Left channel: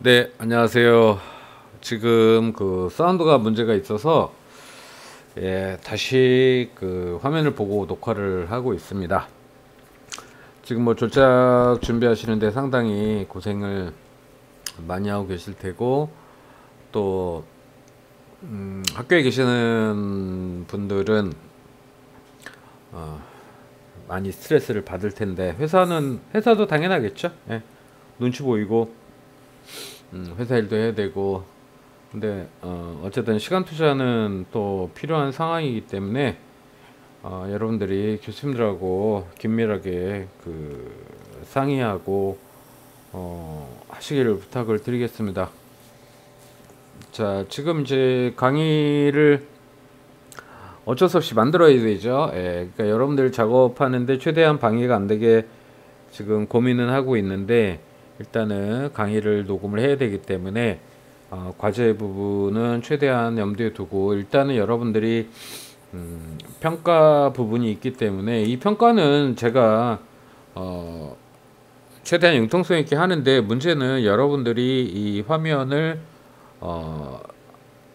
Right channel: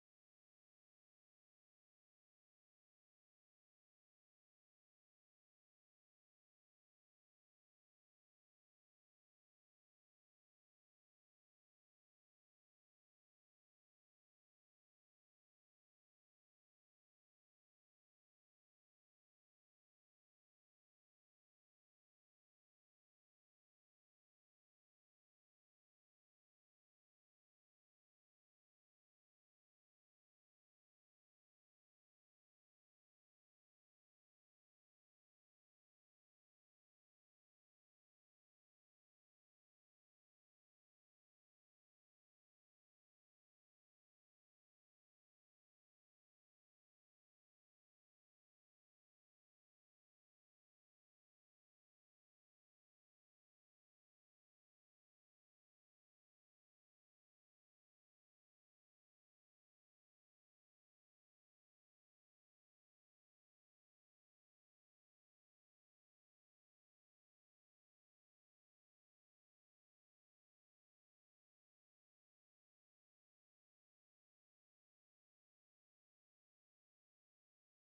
네, 안녕하세요. 지금 그 사운드가 문제가 있어서 다시 그 화면을 보고 녹화를 하고 있습니다. 지금 뭐 졸작 준비하시는데 상당히 고생을 많이 하고 계실 테고 또 학교에 계시는 분들은 많이 스트레스를 받을 텐데 회사도 당연하겠죠. 예, 눈치 보이고 회사 일도 해야 되고 근데 어쨌든 시간 투자는 또 필요한 상황이기 때문에 여러분들이 교수님들하고 긴밀하게 그 상의하고 하시기를 부탁을 드리겠습니다. 자, 지금 이제 강의를 어쩔 수 없이 만들어야 되죠. 그러니까 여러분들 작업하는데 최대한 방해가 안 되게 지금 고민은 하고 있는데 일단은 강의를 녹음을 해야 되기 때문에 과제 부분은 최대한 염두에 두고 일단은 여러분들이 평가 부분이 있기 때문에 이 평가는 제가 어, 최대한 융통성 있게 하는데 문제는 여러분들이 이 화면을 어,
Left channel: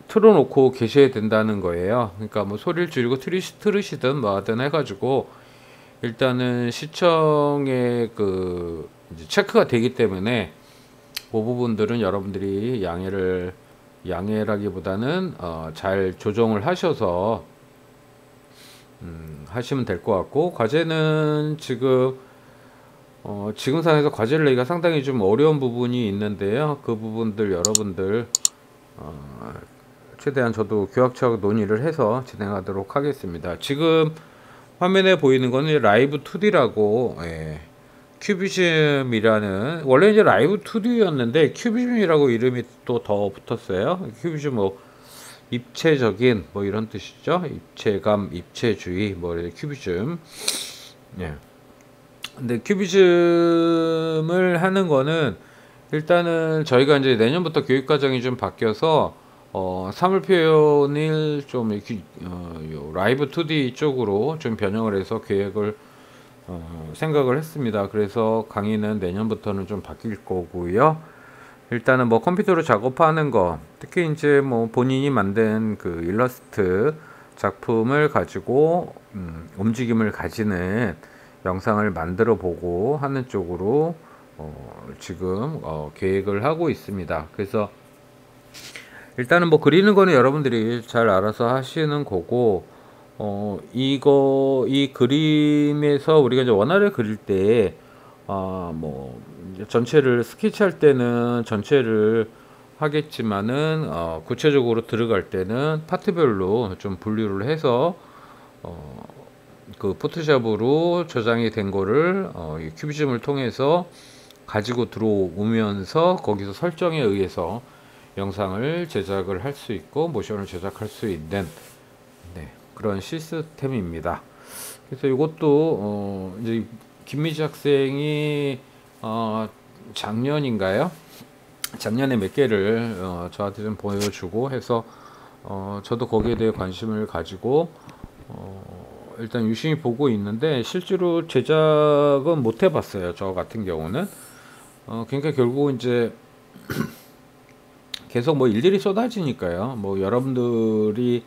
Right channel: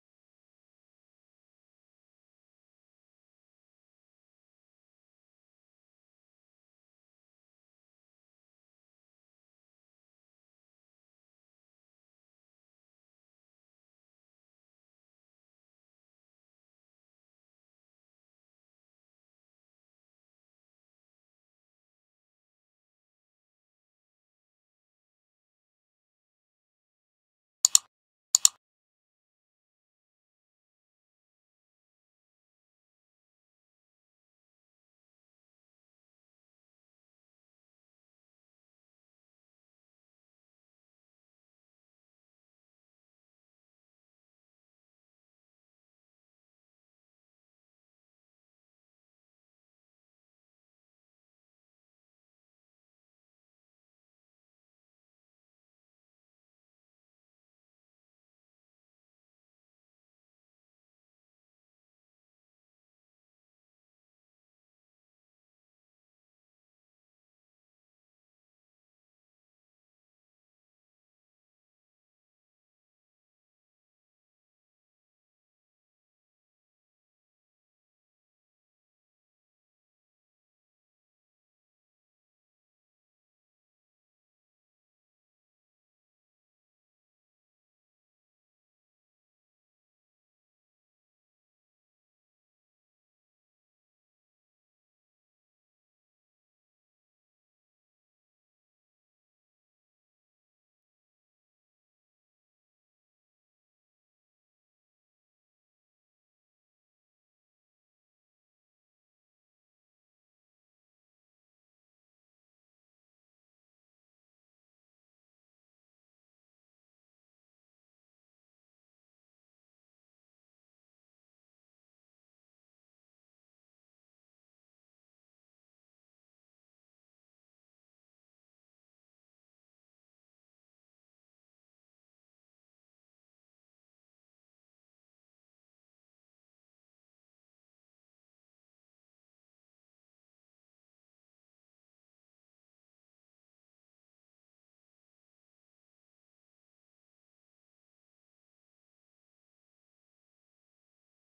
틀어놓고 계셔야 된다는 거예요. 그러니까 뭐 소리를 줄이고 틀으시든 뭐 하든 해가지고 일단은 시청에 그 이제 체크가 되기 때문에 그 부분들은 여러분들이 양해라기보다는 잘 조정을 하셔서 하시면 될 것 같고 과제는 지금 상황에서 과제를 내기가 상당히 좀 어려운 부분이 있는데요. 그 부분들 여러분들 최대한 저도 교학처하고 논의를 해서 진행하도록 하겠습니다. 지금 화면에 보이는 거는 라이브 2D라고 큐비즘이라는 원래 이제 라이브 2D였는데 큐비즘이라고 이름이 또 더 붙었어요. 큐비즘 뭐 입체적인 뭐 이런 뜻이죠. 입체감, 입체주의 뭐 이렇게 큐비즘. 예. 근데 큐비즘을 하는 거는 일단은 저희가 이제 내년부터 교육 과정이 좀 바뀌어서 사물 표현을 좀 이렇게 요 라이브 2D 쪽으로 좀 변형을 해서 계획을 생각을 했습니다. 그래서 강의는 내년부터는 좀 바뀔 거고요. 일단은 뭐 컴퓨터로 작업하는 거, 특히 이제 뭐 본인이 만든 그 일러스트 작품을 가지고 움직임을 가지는 영상을 만들어 보고 하는 쪽으로 지금 계획을 하고 있습니다. 그래서 일단은 뭐 그리는 거는 여러분들이 잘 알아서 하시는 거고 이 그림에서 우리가 이제 원화를 그릴 때 뭐 이제 전체를 스케치할 때는 전체를 하겠지만은 구체적으로 들어갈 때는 파트별로 좀 분류를 해서 그 포토샵으로 저장이 된 거를 이 큐비즘을 통해서 가지고 들어오면서 거기서 설정에 의해서 영상을 제작을 할 수 있고 모션을 제작할 수 있는 그런 시스템입니다. 그래서 이것도 이제 김미지 학생이 작년인가요? 작년에 몇 개를 저한테 좀 보여주고 해서 저도 거기에 대해 관심을 가지고 일단 유심히 보고 있는데 실제로 제작은 못 해봤어요. 저 같은 경우는 그러니까 결국 이제 계속 뭐 일들이 쏟아지니까요. 뭐 여러분들이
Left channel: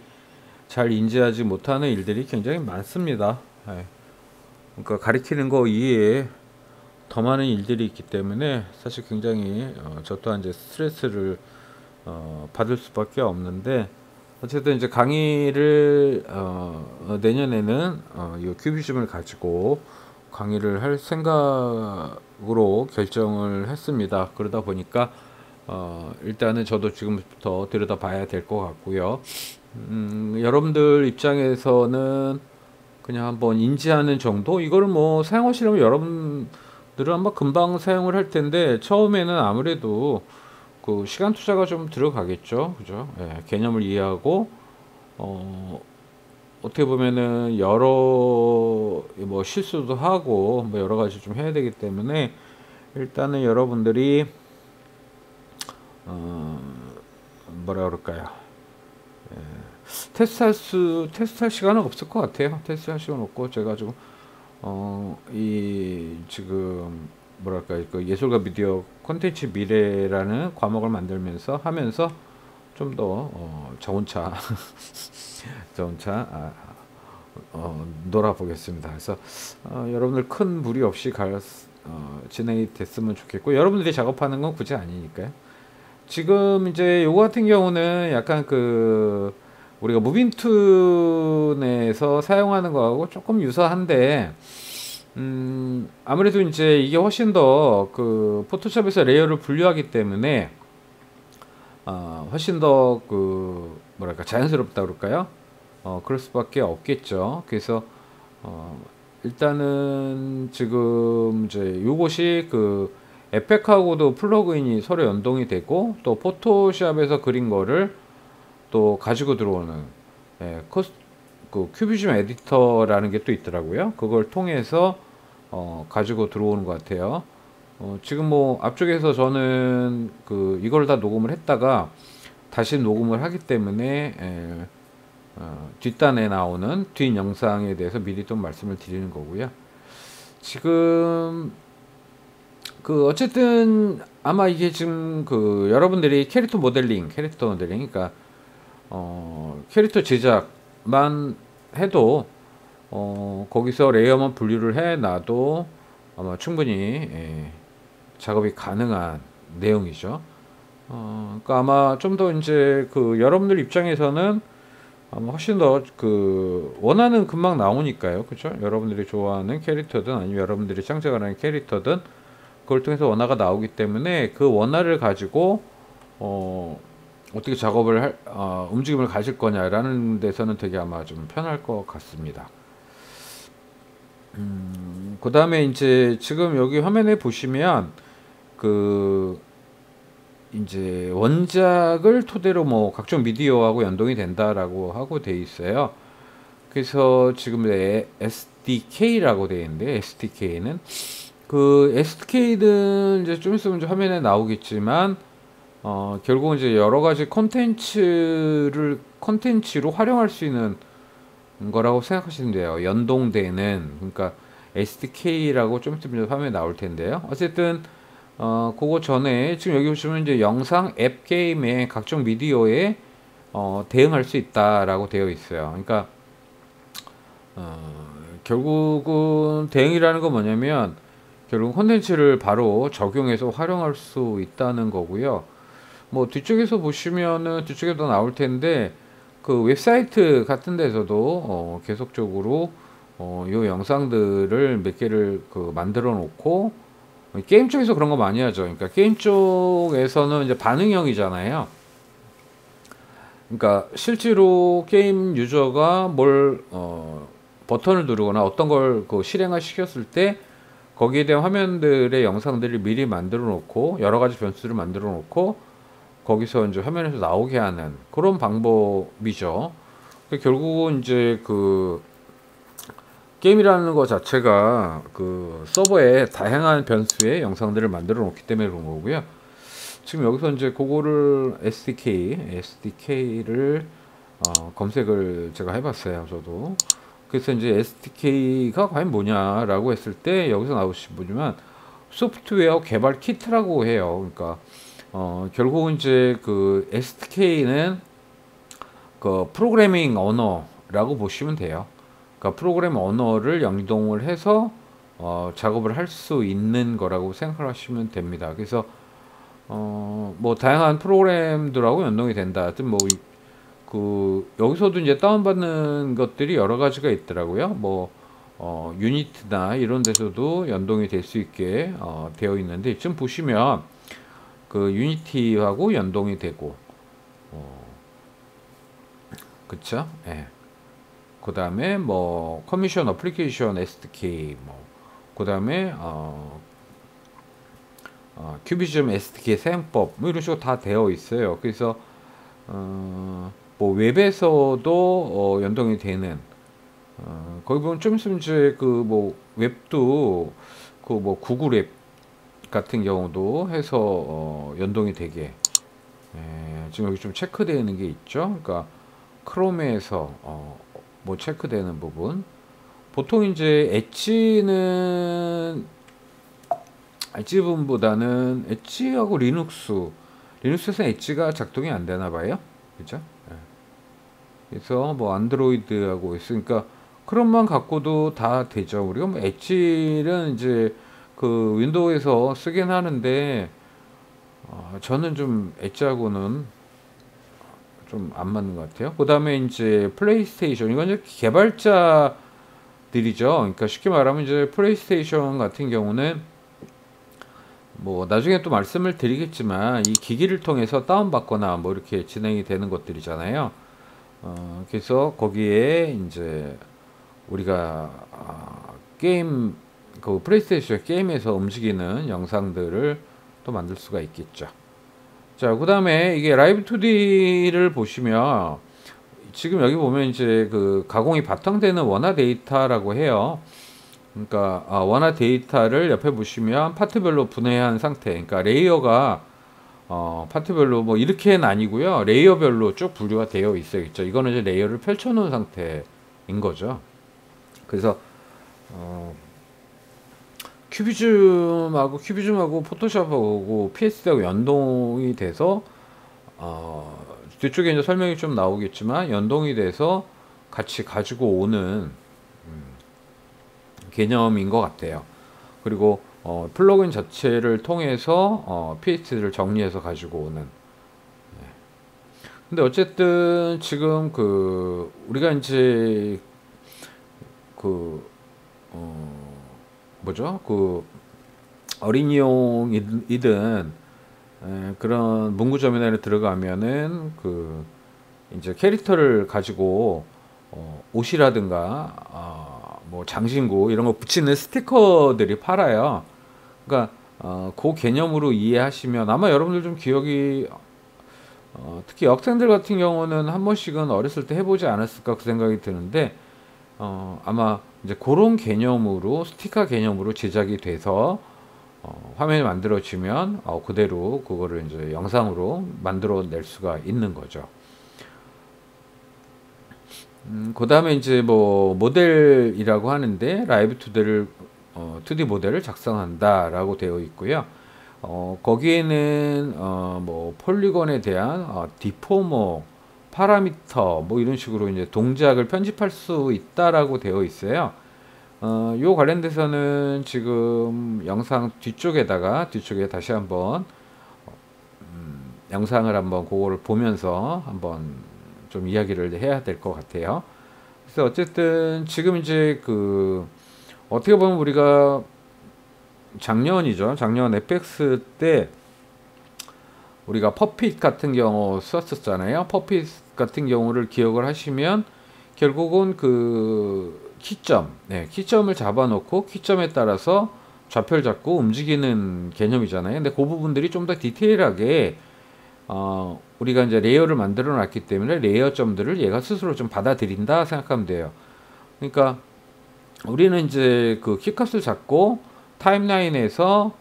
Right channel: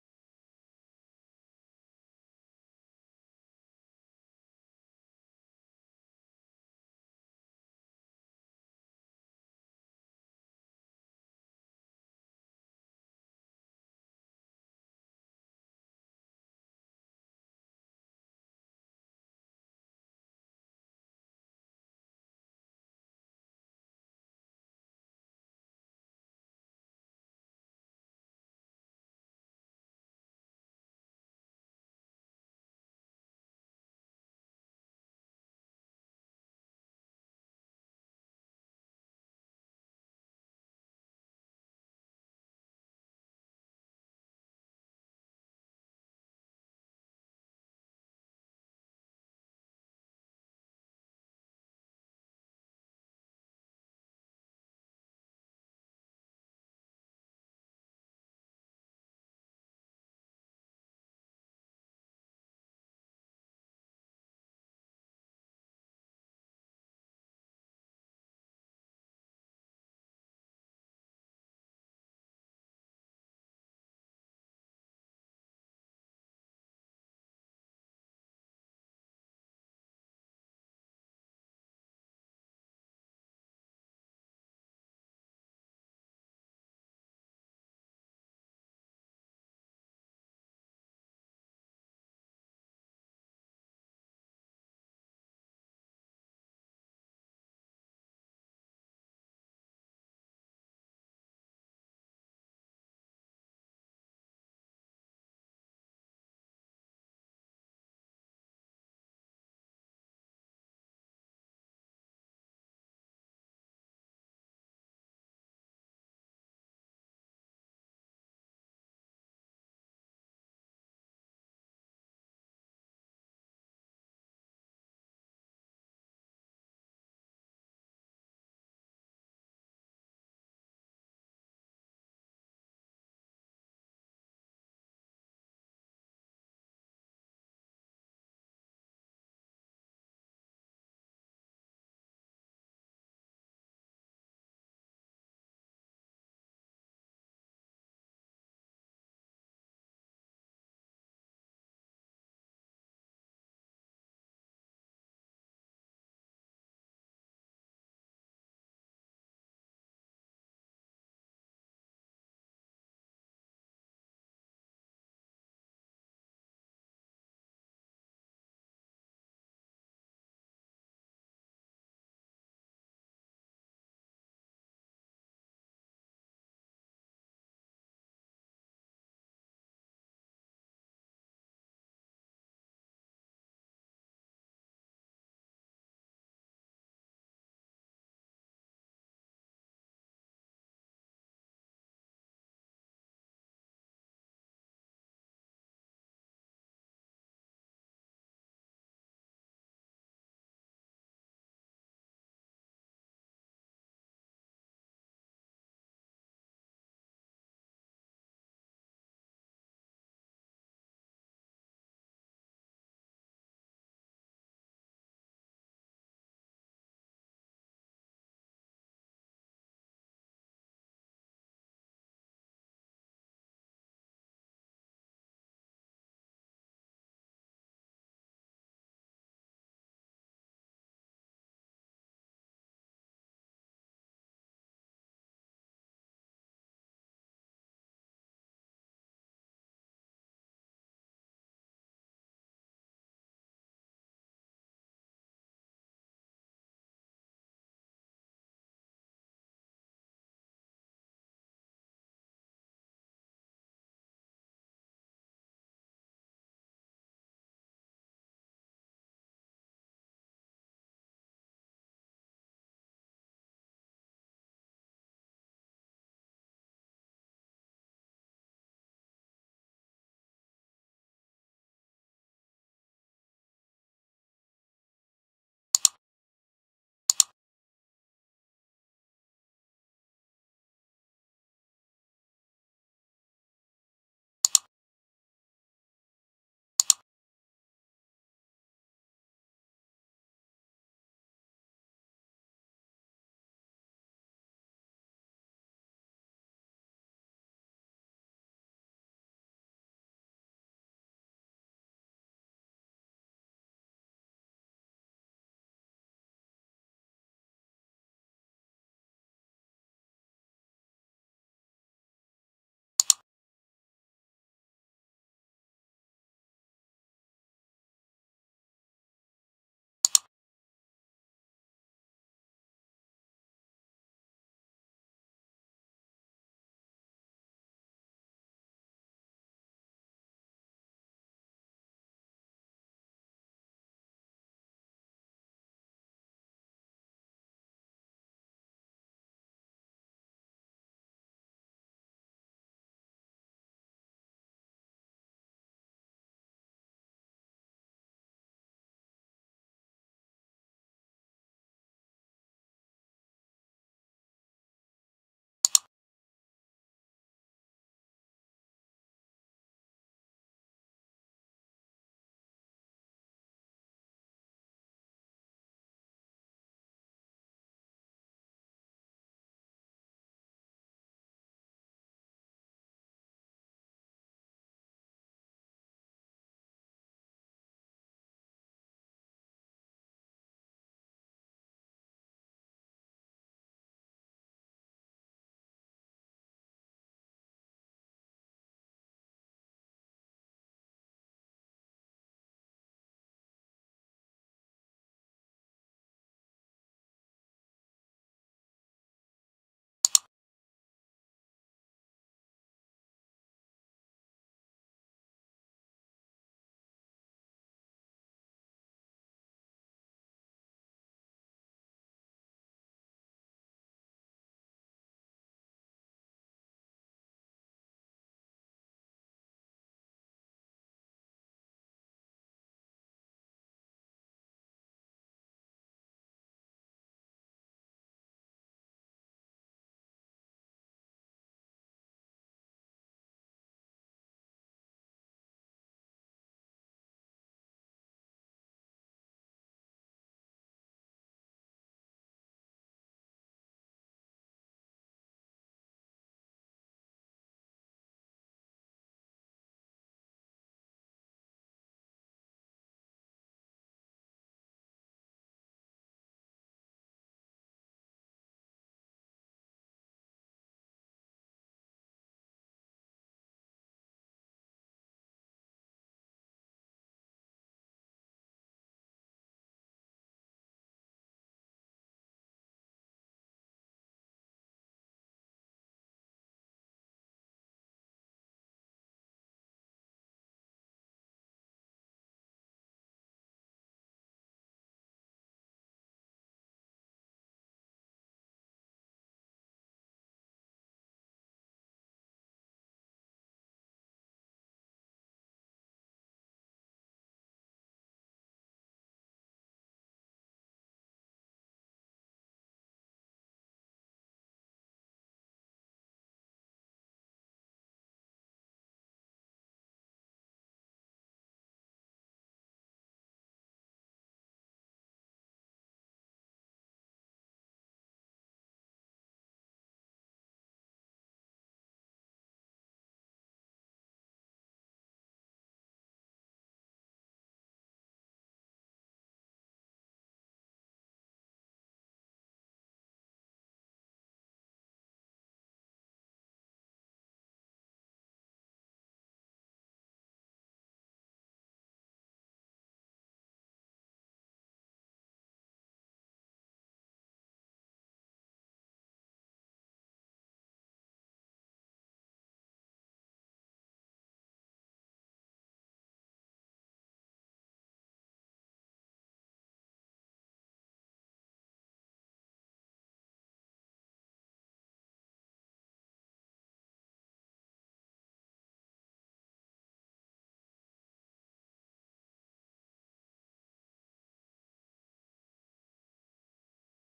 잘 인지하지 못하는 일들이 굉장히 많습니다. 예. 그러니까 가리키는 거 이외에 더 많은 일들이 있기 때문에 사실 굉장히 저 또한 이제 스트레스를 받을 수밖에 없는데 어쨌든 이제 강의를 내년에는 이 큐비즘을 가지고 강의를 할 생각으로 결정을 했습니다. 그러다 보니까 일단은 저도 지금부터 들여다봐야 될 것 같고요. 여러분들 입장에서는 그냥 한번 인지하는 정도? 이거를 뭐 사용하시려면 여러분들은 아마 금방 사용을 할 텐데 처음에는 아무래도 그 시간 투자가 좀 들어가겠죠. 그죠? 예, 개념을 이해하고 어, 어떻게 보면은 여러 뭐 실수도 하고 뭐 여러 가지 좀 해야 되기 때문에 일단은 여러분들이 어, 뭐라 그럴까요? 테스트할 시간은 없을 것 같아요. 테스트할 시간 없고 제가 좀 이 지금 뭐랄까 그 예술과 미디어 콘텐츠 미래라는 과목을 만들면서 하면서 좀 더 저 혼자 저 혼자 놀아보겠습니다. 그래서 여러분들 큰 무리 없이 진행이 됐으면 좋겠고 여러분들이 작업하는 건 굳이 아니니까요. 지금 이제 요거 같은 경우는 약간 그 우리가 무빙툰에서 사용하는 거하고 조금 유사한데 아무래도 이제 이게 훨씬 더 그 포토샵에서 레이어를 분류하기 때문에 훨씬 더 그 뭐랄까 자연스럽다 그럴까요? 그럴 수밖에 없겠죠. 그래서 어, 일단은 지금 이제 요것이 그 에펙하고도 플러그인이 서로 연동이 되고 또 포토샵에서 그린 거를 또 가지고 들어오는 그 큐비즘 에디터라는 게 또 있더라고요. 그걸 통해서 가지고 들어오는 것 같아요. 지금 뭐 앞쪽에서 저는 그 이걸 다 녹음을 했다가 다시 녹음을 하기 때문에 뒷단에 나오는 뒷 영상에 대해서 미리 좀 말씀을 드리는 거고요. 지금 그 어쨌든 아마 이게 지금 그 여러분들이 캐릭터 모델링, 그러니까 캐릭터 제작만 해도 거기서 레이어만 분류를 해 놔도 아마 충분히 작업이 가능한 내용이죠. 그러니까 아마 좀 더 이제 그 여러분들 입장에서는 아마 훨씬 더 그 원하는 금방 나오니까요. 그렇죠? 여러분들이 좋아하는 캐릭터든 아니면 여러분들이 창작하는 캐릭터든 그걸 통해서 원화가 나오기 때문에 그 원화를 가지고 어떻게 움직임을 가질 거냐라는 데서는 되게 아마 좀 편할 것 같습니다. 그 다음에 이제 지금 여기 화면에 보시면 그 이제 원작을 토대로 뭐 각종 미디어하고 연동이 된다라고 하고 돼 있어요. 그래서 지금 SDK라고 돼 있는데 SDK는 그 SDK는 이제 좀 있으면 이제 화면에 나오겠지만 결국은 이제 여러 가지 콘텐츠로 활용할 수 있는 거라고 생각하시면 돼요. 연동되는 그러니까 SDK라고 좀 있으면 화면에 나올 텐데요. 어쨌든 그거 전에 지금 여기 보시면 이제 영상, 앱, 게임의 각종 미디어에 대응할 수 있다라고 되어 있어요. 그러니까 결국은 대응이라는 건 뭐냐면 결국 콘텐츠를 바로 적용해서 활용할 수 있다는 거고요. 뭐 뒤쪽에서 보시면은 뒤쪽에도 나올 텐데 그 웹사이트 같은 데서도 계속적으로 요 영상들을 몇 개를 그 만들어 놓고 게임 쪽에서 그런 거 많이 하죠. 그러니까 게임 쪽에서는 이제 반응형이잖아요. 그러니까 실제로 게임 유저가 버튼을 누르거나 어떤 걸 그 실행을 시켰을 때 거기에 대한 화면들의 영상들을 미리 만들어 놓고 여러 가지 변수를 만들어 놓고 거기서 이제 화면에서 나오게 하는 그런 방법이죠. 결국은 이제 그 게임이라는 것 자체가 그 서버에 다양한 변수의 영상들을 만들어 놓기 때문에 그런 거고요. 지금 여기서 이제 그거를 SDK를 검색을 제가 해봤어요. 저도. 그래서 이제 SDK가 과연 뭐냐라고 했을 때 여기서 나오시면 소프트웨어 개발 키트라고 해요. 그러니까 결국은 이제 그 SDK는 그 프로그래밍 언어라고 보시면 돼요. 그러니까 프로그램 언어를 연동을 해서 작업을 할 수 있는 거라고 생각하시면 됩니다. 그래서 뭐 다양한 프로그램들하고 연동이 된다. 하여튼 뭐 그 여기서도 이제 다운받는 것들이 여러 가지가 있더라고요. 뭐 유니티나 이런 데서도 연동이 될 수 있게 되어 있는데 지금 보시면 그 유니티하고 연동이 되고 그쵸? 예. 그 다음에 뭐 커미션 어플리케이션 SDK 그 다음에 큐비즘 SDK 사용법 뭐 이런 식으로 다 되어 있어요. 그래서 뭐 웹에서도 연동이 되는 거기 보면 좀 있으면 이제 그 뭐 웹도 그 뭐 구글 앱 같은 경우도 해서 연동이 되게 지금 여기 좀 체크되는 게 있죠. 그러니까 크롬에서 뭐 체크되는 부분 보통 이제 엣지분보다는 엣지하고 리눅스에서는 엣지가 작동이 안 되나 봐요. 그죠? 예. 그래서 뭐 안드로이드하고 있으니까 크롬만 갖고도 다 되죠. 우리가 뭐 엣지는 이제 그 윈도우에서 쓰긴 하는데 저는 좀 엣지하고는 좀 안 맞는 것 같아요. 그다음에 이제 플레이스테이션 이건 이제 개발자들이죠. 그러니까 쉽게 말하면 이제 플레이스테이션 같은 경우는 뭐 나중에 또 말씀을 드리겠지만 이 기기를 통해서 다운받거나 뭐 이렇게 진행이 되는 것들이잖아요. 그래서 거기에 이제 우리가 게임 그 플레이스테이션 게임에서 움직이는 영상들을 또 만들 수가 있겠죠. 자, 그다음에 이게 라이브 2D를 보시면 지금 여기 보면 이제 그 가공이 바탕되는 원화 데이터라고 해요. 그러니까 원화 데이터를 옆에 보시면 파트별로 분해한 상태. 그러니까 레이어가 파트별로 뭐 이렇게는 아니고요. 레이어별로 쭉 분류가 되어 있어야겠죠. 이거는 이제 레이어를 펼쳐 놓은 상태인 거죠. 그래서 어, 큐비즘하고 포토샵하고 PS하고 연동이 돼서 뒤쪽에 이제 설명이 좀 나오겠지만 연동이 돼서 같이 가지고 오는 개념인 것 같아요. 그리고 플러그인 자체를 통해서 PS를 정리해서 가지고 오는. 근데 어쨌든 지금 그 우리가 이제 그 뭐죠? 그 어린이용이든 그런 문구점이나 들어가면은 그 이제 캐릭터를 가지고 옷이라든가 뭐 장신구 이런 거 붙이는 스티커들이 팔아요. 그러니까 그 개념으로 이해하시면 아마 여러분들 좀 기억이 특히 학생들 같은 경우는 한 번씩은 어렸을 때 해보지 않았을까 그 생각이 드는데 아마 이제 그런 개념으로 스티커 개념으로 제작이 돼서 화면이 만들어지면 그대로 그거를 이제 영상으로 만들어낼 수가 있는 거죠. 그 다음에 이제 뭐 모델이라고 하는데 라이브 2D 모델을 작성한다라고 되어 있고요. 거기에는 뭐 폴리곤에 대한 디포머, 파라미터 뭐 이런 식으로 이제 동작을 편집할 수 있다라고 되어 있어요. 요 관련돼서는 지금 영상 뒤쪽에 다시 한번 영상을 한번 그거를 보면서 한번 좀 이야기를 해야 될 것 같아요. 그래서 어쨌든 지금 이제 그 어떻게 보면 우리가 작년 에펙스 때 우리가 퍼핏 같은 경우 썼었잖아요. 퍼핏 같은 경우를 기억을 하시면 결국은 그 키점을 잡아놓고 키점에 따라서 좌표를 잡고 움직이는 개념이잖아요. 근데 그 부분들이 좀 더 디테일하게 우리가 이제 레이어를 만들어 놨기 때문에 레이어 점들을 얘가 스스로 좀 받아들인다 생각하면 돼요. 그러니까 우리는 이제 그 키값을 잡고 타임라인에서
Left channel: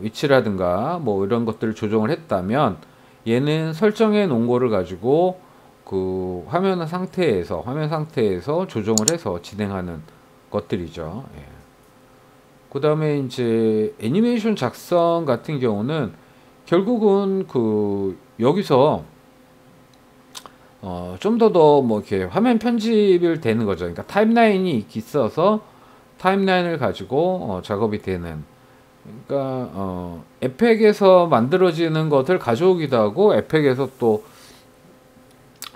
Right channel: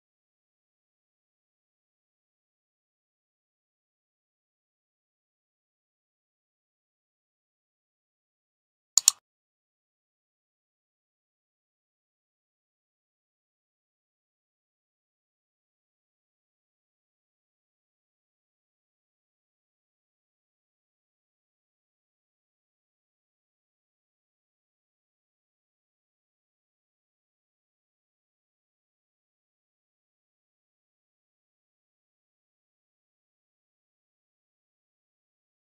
위치라든가 뭐 이런 것들을 조정을 했다면 얘는 설정해 놓은 거를 가지고 그 화면 상태에서 조정을 해서 진행하는 것들이죠. 예. 그 다음에 이제 애니메이션 작성 같은 경우는 결국은 그 여기서 좀 더 뭐 이렇게 화면 편집을 되는 거죠. 그러니까 타임라인이 있어서 타임라인을 가지고 작업이 되는. 그러니까 에펙에서 만들어지는 것을 가져오기도 하고 에펙에서 또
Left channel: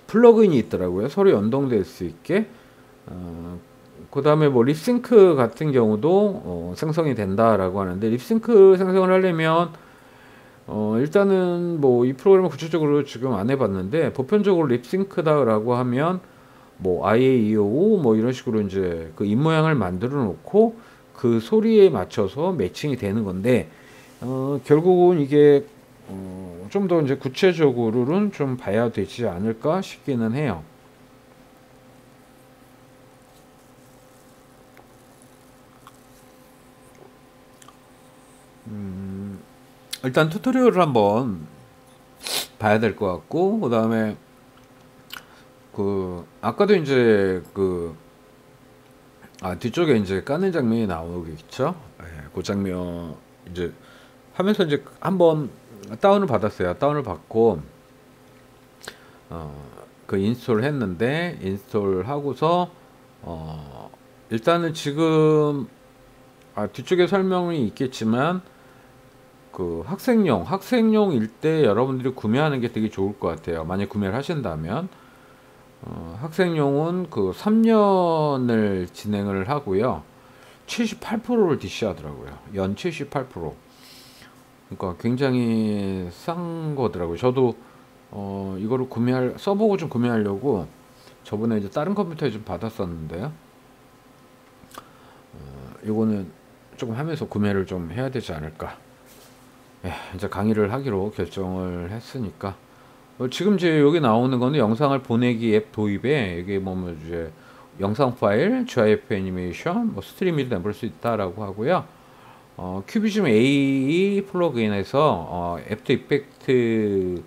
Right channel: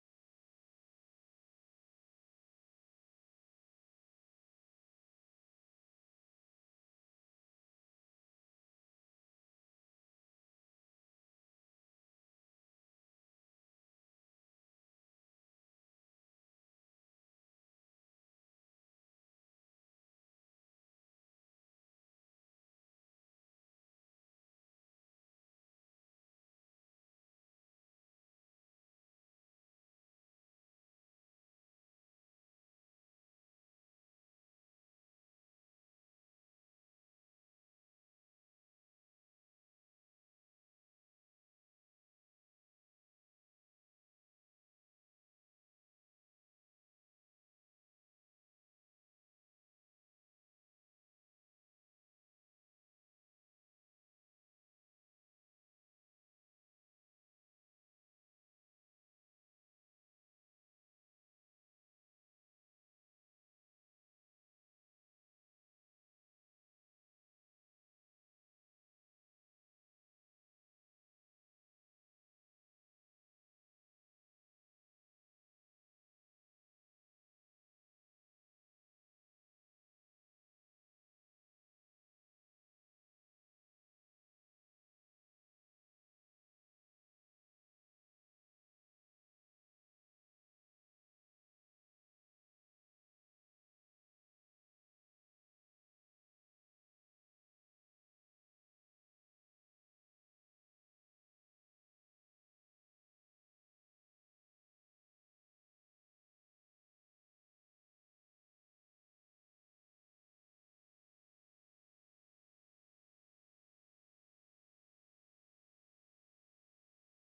플러그인이 있더라고요. 서로 연동될 수 있게. 그 다음에 뭐 립싱크 같은 경우도 생성이 된다라고 하는데 립싱크 생성을 하려면 일단은 뭐 이 프로그램을 구체적으로 지금 안 해봤는데 보편적으로 립싱크다라고 하면 뭐 IAEO 뭐 이런 식으로 이제 그 입모양을 만들어 놓고 그 소리에 맞춰서 매칭이 되는 건데 결국은 이게 좀 더 이제 구체적으로는 좀 봐야 되지 않을까 싶기는 해요. 일단 튜토리얼을 한번 봐야 될 것 같고 그 다음에 그 아까도 이제 그 뒤쪽에 이제 까는 장면이 나오겠죠. 예, 그 장면 이제 하면서 이제 한번 다운을 받았어요. 다운을 받고 그 인스톨을 했는데 인스톨 하고서 일단은 지금 뒤쪽에 설명이 있겠지만 그 학생용일 때 여러분들이 구매하는 게 되게 좋을 것 같아요. 만약 구매를 하신다면 학생용은 그 3년을 진행을 하고요. 78%를 DC하더라고요. 연 78%. 그러니까 굉장히 싼 거더라고요. 저도 이거를 써보고 좀 구매하려고 저번에 이제 다른 컴퓨터에 좀 받았었는데요. 이거는 조금 하면서 구매를 좀 해야 되지 않을까. 이제 강의를 하기로 결정을 했으니까. 지금 이제 여기 나오는 거는 영상을 보내기 앱 도입에 이게 뭐 이제 영상 파일, GIF 애니메이션, 뭐 스트리밍도 내볼 수 있다라고 하고요. 큐비즘 A 플러그인에서 애프터 이펙트의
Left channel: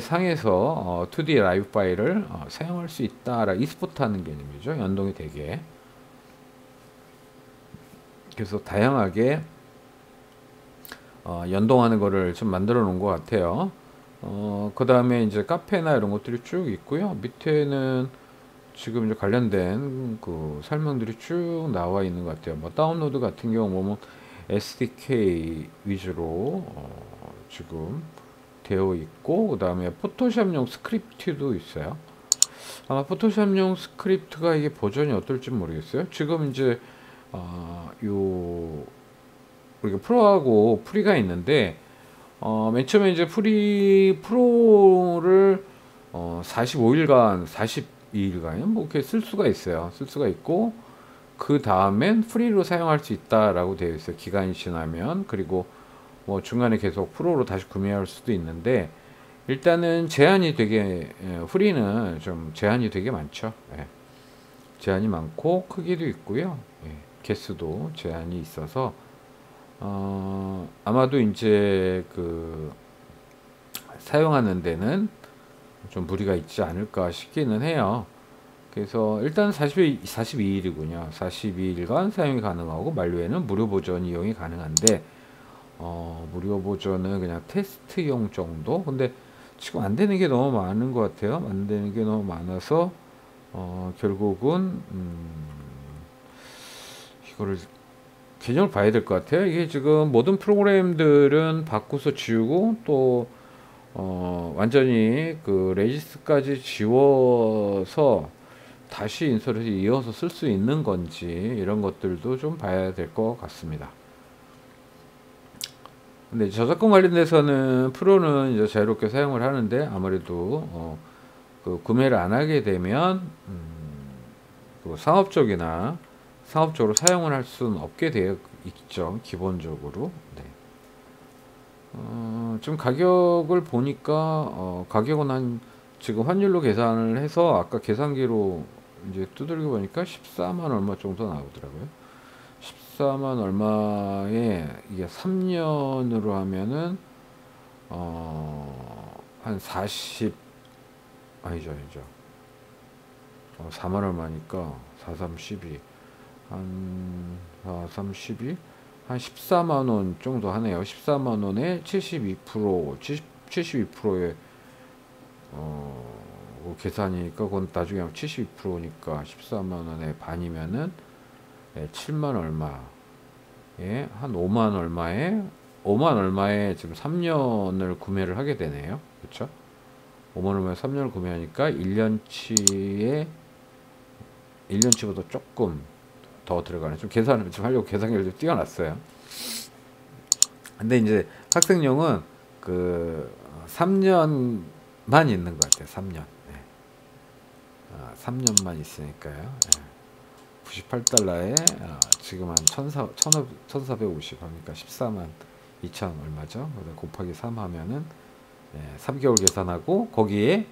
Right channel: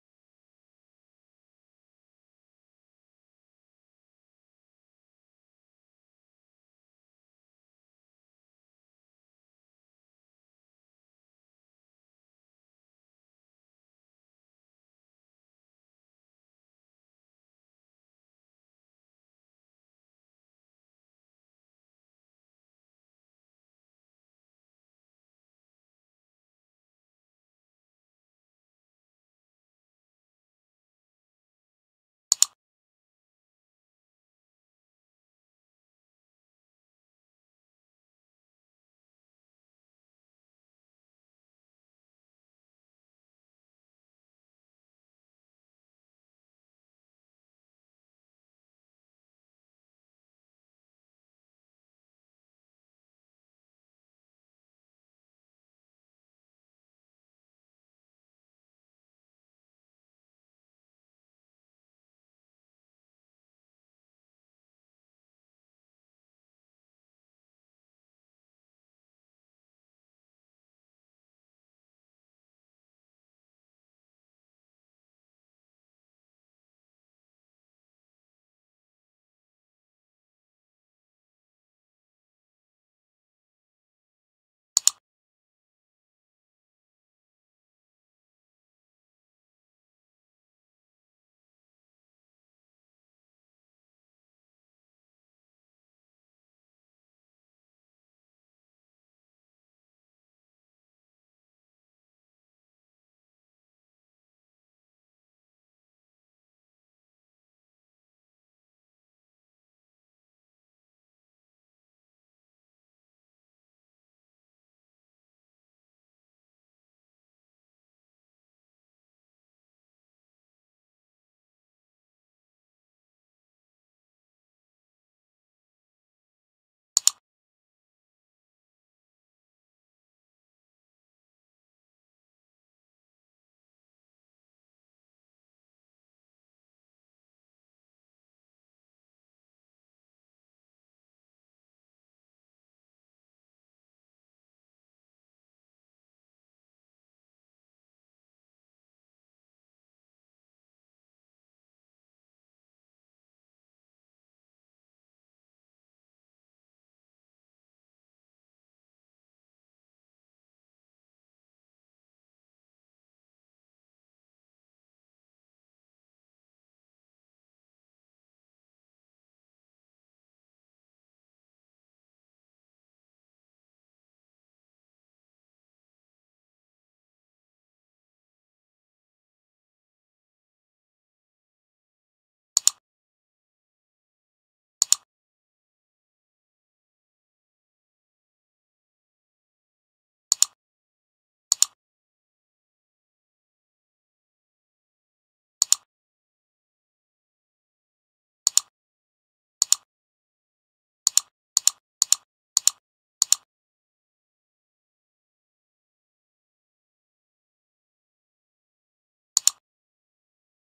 상에서 2D 라이브 파일을 사용할 수 있다라 e스포트 하는 개념이죠. 연동이 되게. 그래서 다양하게 연동하는 거를 좀 만들어 놓은 것 같아요. 그 다음에 이제 카페나 이런 것들이 쭉 있고요. 밑에는 지금 이제 관련된 그 설명들이 쭉 나와 있는 것 같아요. 뭐 다운로드 같은 경우 뭐 SDK 위주로 지금 되어 있고, 그 다음에 포토샵용 스크립트도 있어요. 아마 포토샵용 스크립트가 이게 버전이 어떨지 모르겠어요. 지금 이제 요 우리가 프로하고 프리가 있는데 맨 처음에 이제 프로를 45일간 42일간 뭐 이렇게 쓸 수가 있어요. 쓸 수가 있고 그 다음엔 프리로 사용할 수 있다라고 되어 있어요. 기간이 지나면. 그리고 뭐 중간에 계속 프로로 다시 구매할 수도 있는데 일단은 제한이 되게 프리는 좀 제한이 되게 많죠. 제한이 많고 크기도 있고요. 개수도 제한이 있어서 아마도 이제 그 사용하는 데는 좀 무리가 있지 않을까 싶기는 해요. 그래서 일단 42일이군요. 42일간 사용이 가능하고 만료에는 무료 버전 이용이 가능한데 무료 버전은 그냥 테스트용 정도. 근데 지금 안 되는 게 너무 많은 것 같아요. 안 되는 게 너무 많아서 결국은 이거를 개념을 봐야 될 것 같아요. 이게 지금 모든 프로그램들은 바꾸서 지우고 또 완전히 그 레지스까지 지워서 다시 인스톨해서 이어서 쓸 수 있는 건지 이런 것들도 좀 봐야 될 것 같습니다. 근데 저작권 관련돼서는 프로는 이제 자유롭게 사용을 하는데 아무래도 그 구매를 안 하게 되면 그 상업적으로 사용을 할 수는 없게 되어 있죠. 기본적으로. 네. 좀 가격을 보니까 가격은 한 지금 환율로 계산을 해서 아까 계산기로 이제 두들겨 보니까 14만 얼마 정도 나오더라고요. 14만 얼마에 이게 3년으로 하면은 한 40, 아니죠 4만 얼마니까 4, 3, 12 한 4, 3, 12 한 14만 원 정도 하네요. 14만 원에 72% 72%의 계산이니까 그건 나중에 72%니까 14만 원에 반이면은 7만 얼마에 한 5만 얼마에 지금 3년을 구매를 하게 되네요. 그렇죠? 5만 얼마에 3년을 구매하니까 1년치보다 조금 더 들어가네. 좀 계산을 좀 하려고 계산기를 좀 띄워놨어요. 근데 이제 학생용은 그 3년만 있는 것 같아요. 3년. 3년만 있으니까요. 98달러에 지금 한 1450 하니까 14만 2천 얼마죠? 곱하기 3 하면은 3개월 계산하고 거기에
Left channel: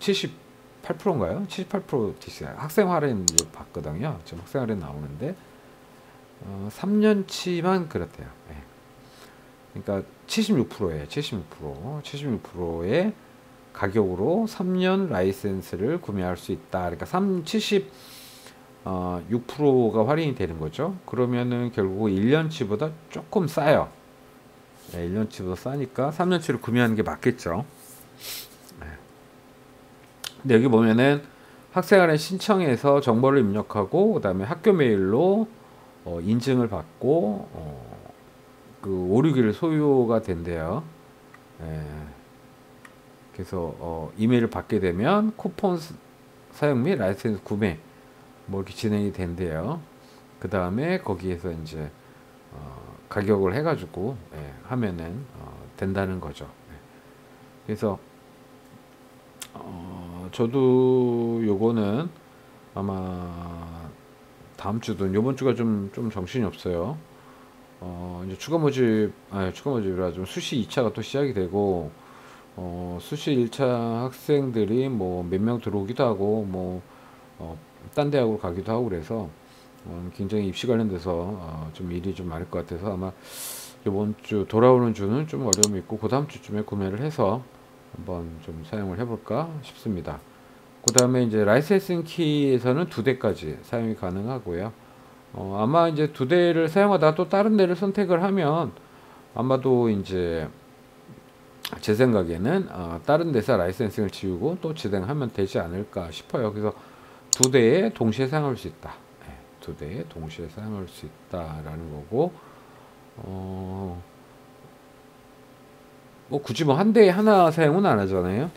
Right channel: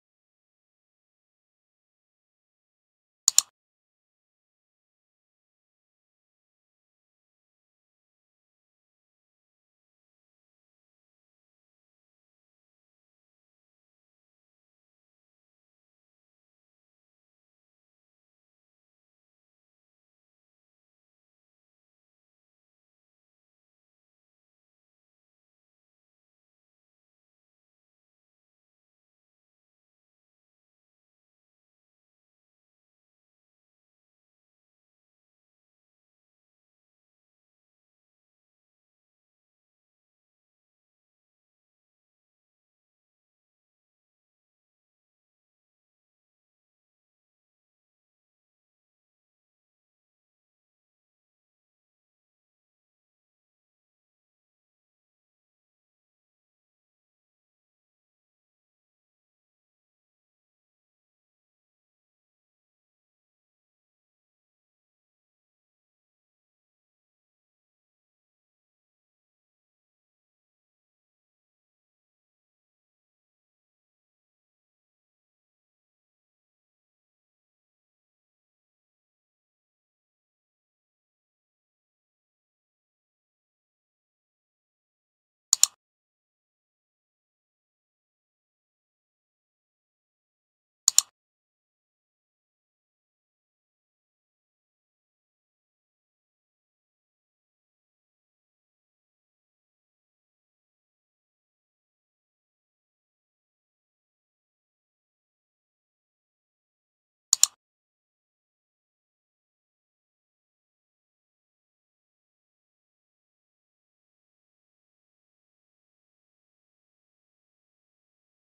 78%인가요? 78% DCI 학생 할인 봤거든요. 지금 학생 할인 나오는데 3년치만 그렇대요. 그러니까 76%예요. 76%의 가격으로 3년 라이센스를 구매할 수 있다. 그러니까 6%가 할인이 되는 거죠. 그러면은 결국 1년치보다 조금 싸요. 1년치보다 싸니까 3년치를 구매하는 게 맞겠죠. 근데 여기 보면은 학생활에 신청해서 정보를 입력하고 그다음에 학교 메일로 인증을 받고 그 오류기를 소유가 된대요. 예, 그래서 이메일을 받게 되면 쿠폰 사용 및 라이센스 구매 뭐 이렇게 진행이 된대요. 그 다음에 거기에서 이제 가격을 해가지고 하면은 된다는 거죠. 그래서 저도 요거는 아마 다음 주든 요번 주가 좀 정신이 없어요. 이제 추가 모집이라 좀 수시 2차가 또 시작이 되고 수시 1차 학생들이 뭐 몇 명 들어오기도 하고 뭐 딴 대학으로 가기도 하고 그래서 굉장히 입시 관련돼서 좀 일이 좀 많을 것 같아서 아마 이번 주 돌아오는 주는 좀 어려움이 있고 그 다음 주쯤에 구매를 해서 한번 좀 사용을 해볼까 싶습니다. 그 다음에 이제 라이센싱 키에서는 2대까지 사용이 가능하고요. 아마 이제 2대를 사용하다가 또 다른 데를 선택을 하면 아마도 이제 제 생각에는 다른 데서 라이센싱을 지우고 또 진행하면 되지 않을까 싶어요. 그래서 2대에 동시에 사용할 수 있다. 2대에 동시에 사용할 수 있다라는 거고, 뭐 굳이 뭐 한 대에 하나 사용은 안 하잖아요.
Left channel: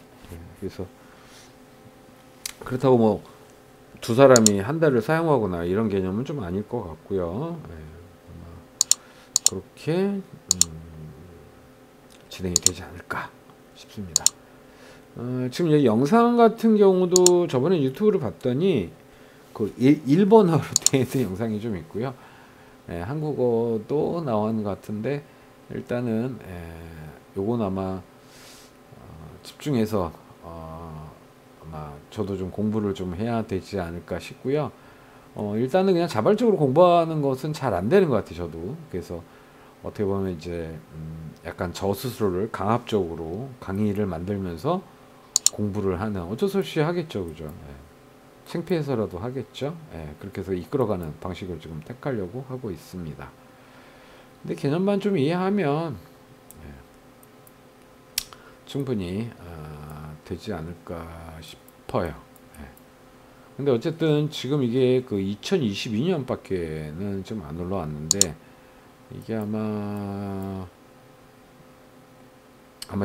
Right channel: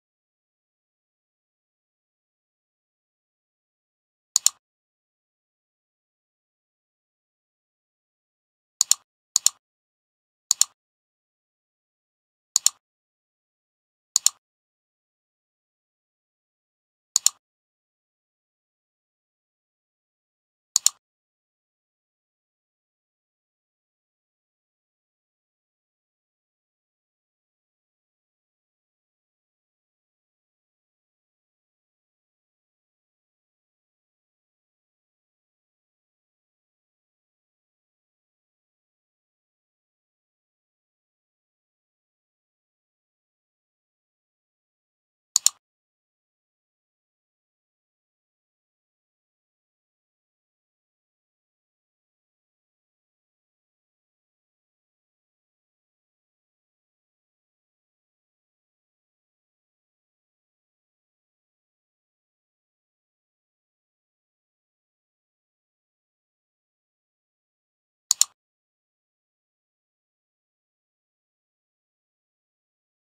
그래서 그렇다고 뭐 두 사람이 한 대를 사용하거나 이런 개념은 좀 아닐 것 같고요. 그렇게 진행이 되지 않을까 싶습니다. 지금 이 영상 같은 경우도 저번에 유튜브를 봤더니 그 일본어로 되어 있는 영상이 좀 있고요. 한국어도 나온 것 같은데 일단은 요건 아마 집중해서 아마 저도 좀 공부를 좀 해야 되지 않을까 싶고요. 일단은 그냥 자발적으로 공부하는 것은 잘 안 되는 것 같아요. 저도 그래서 어떻게 보면 이제 약간 저 스스로를 강압적으로 강의를 만들면서 공부를 하는 어쩔 수 없이 하겠죠, 그죠? 창피해서라도 하겠죠. 그렇게 해서 이끌어가는 방식을 지금 택하려고 하고 있습니다. 근데 개념만 좀 이해하면 충분히 되지 않을까 싶어요. 근데 어쨌든 지금 이게 그 2022년밖에는 좀 안 올라왔는데 이게 아마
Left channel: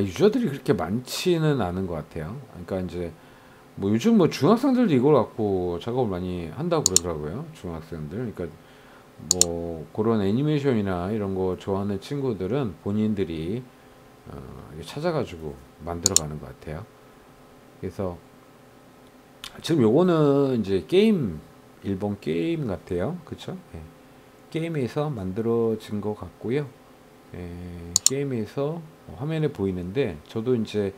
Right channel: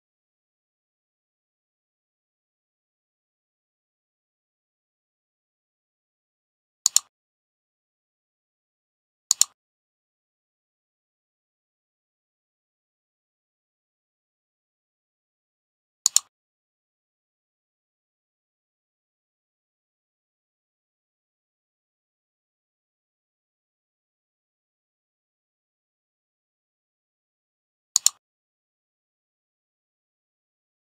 유저들이 그렇게 많지는 않은 것 같아요. 그러니까 이제 뭐 요즘 뭐 중학생들도 이걸 갖고 작업을 많이 한다고 그러더라고요. 중학생들. 그러니까 뭐 그런 애니메이션이나 이런 거 좋아하는 친구들은 본인들이 찾아가지고 만들어가는 것 같아요. 그래서 지금 요거는 이제 일본 게임 같아요. 그쵸? 게임에서 만들어진 것 같고요. 게임에서 화면에 보이는데 저도 이제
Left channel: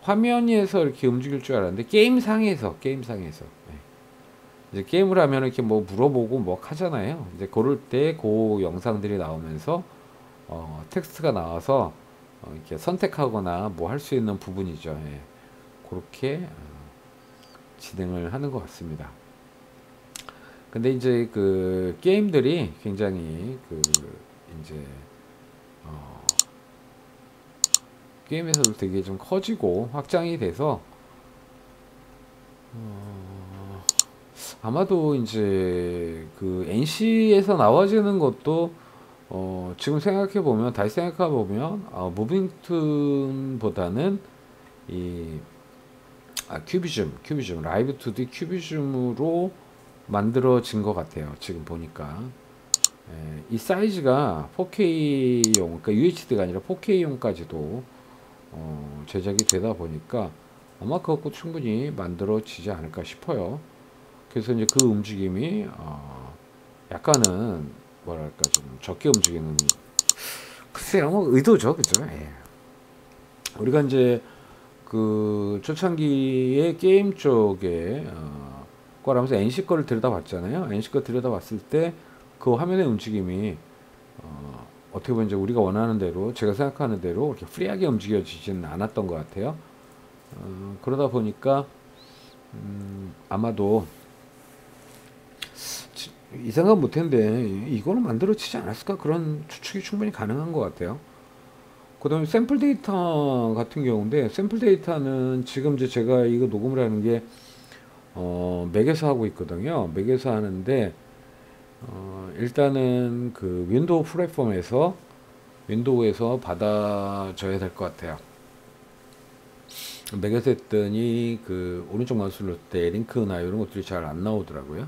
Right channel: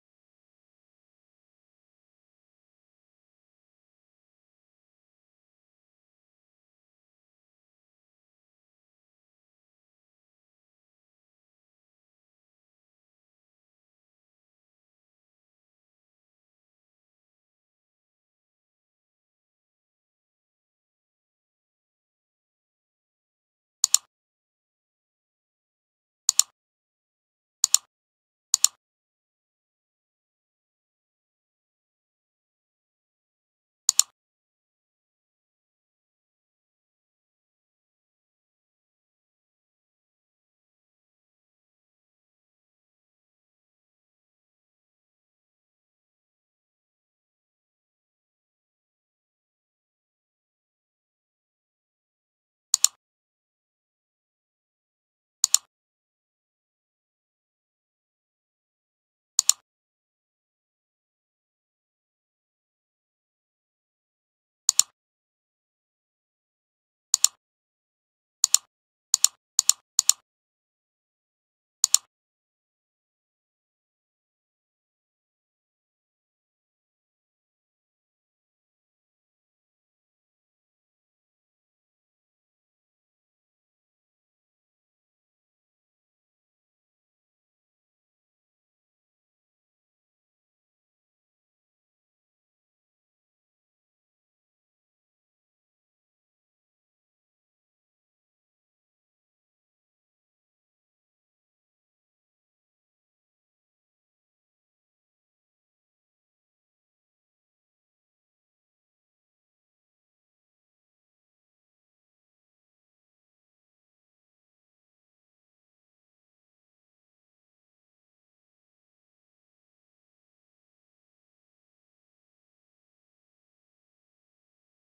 화면에서 이렇게 움직일 줄 알았는데 게임상에서 이제 게임을 하면 이렇게 뭐 물어보고 뭐 하잖아요. 이제 그럴 때 그 영상들이 나오면서 텍스트가 나와서 이렇게 선택하거나 뭐 할 수 있는 부분이죠. 그렇게 진행을 하는 것 같습니다. 근데 이제 그 게임들이 굉장히 그 이제 게임에서도 되게 좀 커지고 확장이 돼서 아마도 이제 그 NC에서 나와지는 것도 지금 생각해 보면 다시 생각해 보면 무빙툰보다는 이 큐비즘 라이브 2D 큐비즘으로 만들어진 것 같아요. 지금 보니까 이 사이즈가 4K용 그러니까 UHD가 아니라 4K용까지도 제작이 되다 보니까 아마 그것도 충분히 만들어지지 않을까 싶어요. 그래서 이제 그 움직임이 약간은 뭐랄까 좀 적게 움직이는 글쎄요 뭐 의도죠, 그죠? 우리가 이제 그 초창기에 게임 쪽에 거라면서 NC 거를 들여다봤잖아요. NC 거 들여다봤을 때 그 화면의 움직임이 어떻게 보면 이제 우리가 원하는 대로 제가 생각하는 대로 이렇게 프리하게 움직여지지는 않았던 것 같아요. 그러다 보니까 아마도 이 생각 못했는데 이거는 만들어지지 않았을까 그런 추측이 충분히 가능한 것 같아요. 그다음에 샘플 데이터 같은 경우인데 샘플 데이터는 지금 이제 제가 이거 녹음을 하는 게 맥에서 하고 있거든요. 맥에서 하는데 일단은 그 윈도우 플랫폼에서 윈도우에서 받아줘야 될 것 같아요. 맥에서 했더니 그 오른쪽 마우스를 눌렀을 때 링크나 이런 것들이 잘 안 나오더라고요.